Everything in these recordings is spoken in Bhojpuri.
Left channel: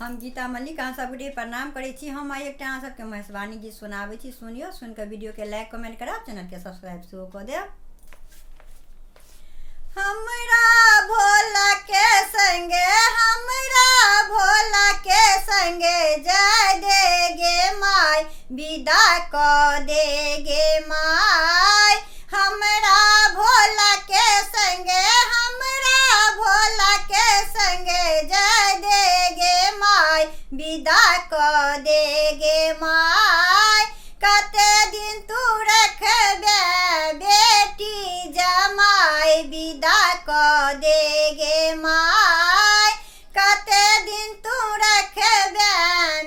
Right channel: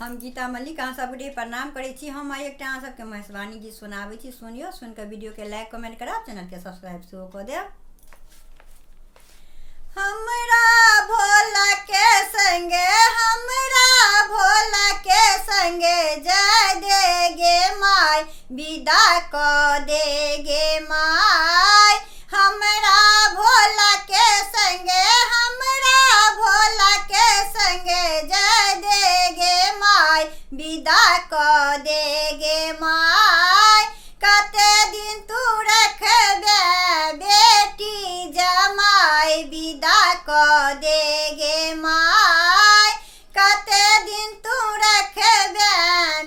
हम गीता मल्लिक अहाँ सबके प्रणाम करै छी। हम आइ एकटा अहाँ सबके महेशवाणी गीत सुनाबै छी, सुनियो। सुनकर वीडियो के लाइक कमेंट करब, चैनल के सब्सक्राइब सेहो कऽ देब। हमरा भोला के संगे, हमरा भोला के संगे जाय दे गे माय, विदा कऽ दे गे माय। हमरा भोला के संगे, हमरा भोला के संगे जाय दे गे माय, विदा कऽ दे गे माय। कते दिन तू रखबे बेटी जमाय, विदा कऽ दे गे माय। कते दिन तू रखबे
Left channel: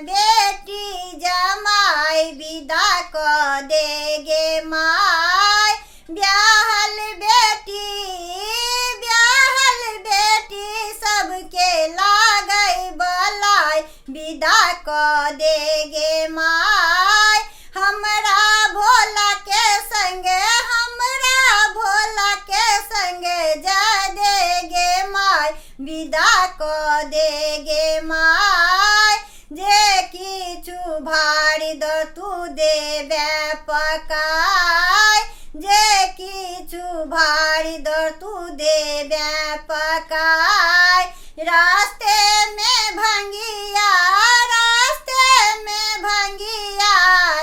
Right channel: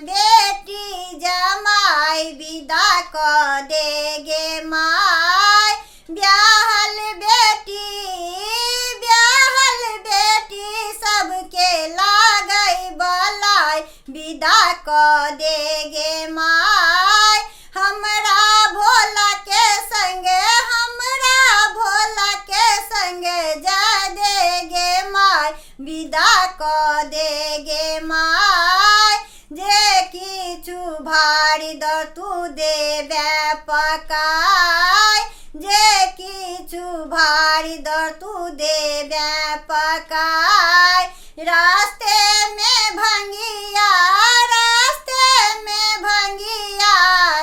बेटी जमाय, विदा कऽ दे गे माय। ब्याहल बेटी सबके लागै बलाय, विदा कऽ दे गे माय। हमरा भोला के संगे, हमरा भोला के संगे जाय दे गे माय, विदा कऽ दे गे माय। जे किछु भारी दऽ तू देबे पकाय, जे किछु भारी दऽ तू देबे पकाय। रास्ते में भंगिया, रास्ते में भंगिया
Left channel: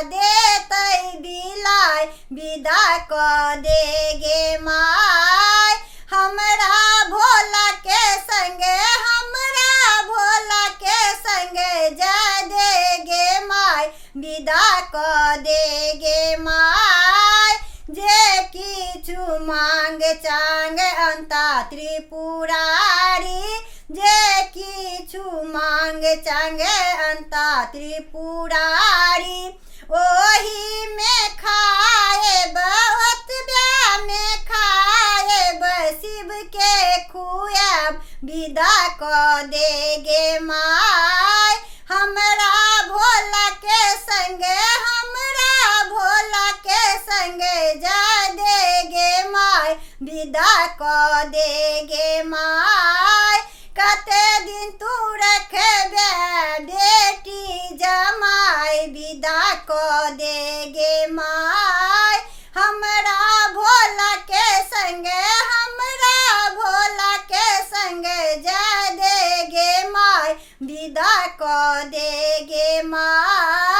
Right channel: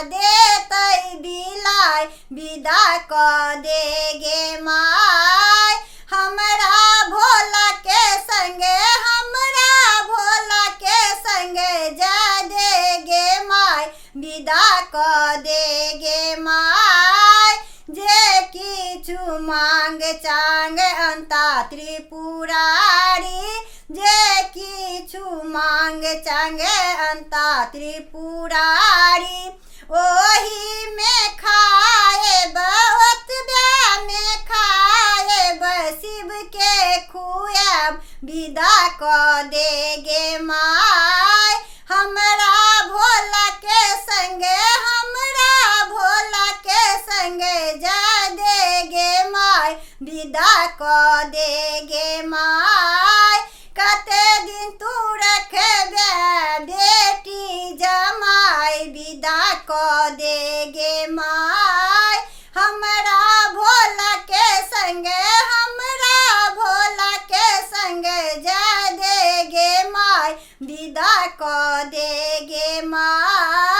देतै बिलाय, विदा कऽ दे गे माय। हमरा भोला के संगे, हमरा भोला के संगे जाय दे गे माय, विदा कऽ दे गे माय। जे किछु मांग चांग अंता त्रिपुरारी, जे किछु मांग चांग अंता त्रिपुरारी। ओही में खाएब, ओतबे में खाएब, शिव के खुआब, विदा कऽ दे गे माय। हमरा भोला के संगे, हमरा भोला के संगे जाय दे गे माय, विदा कऽ दे गे माय। कते दिन तू रखबे बेटी जमाय, विदा कऽ दे गे माय। हमरा भोला के संगे, हमरा भोला के संगे जाय दे गे माय, विदा कऽ दे गे माय।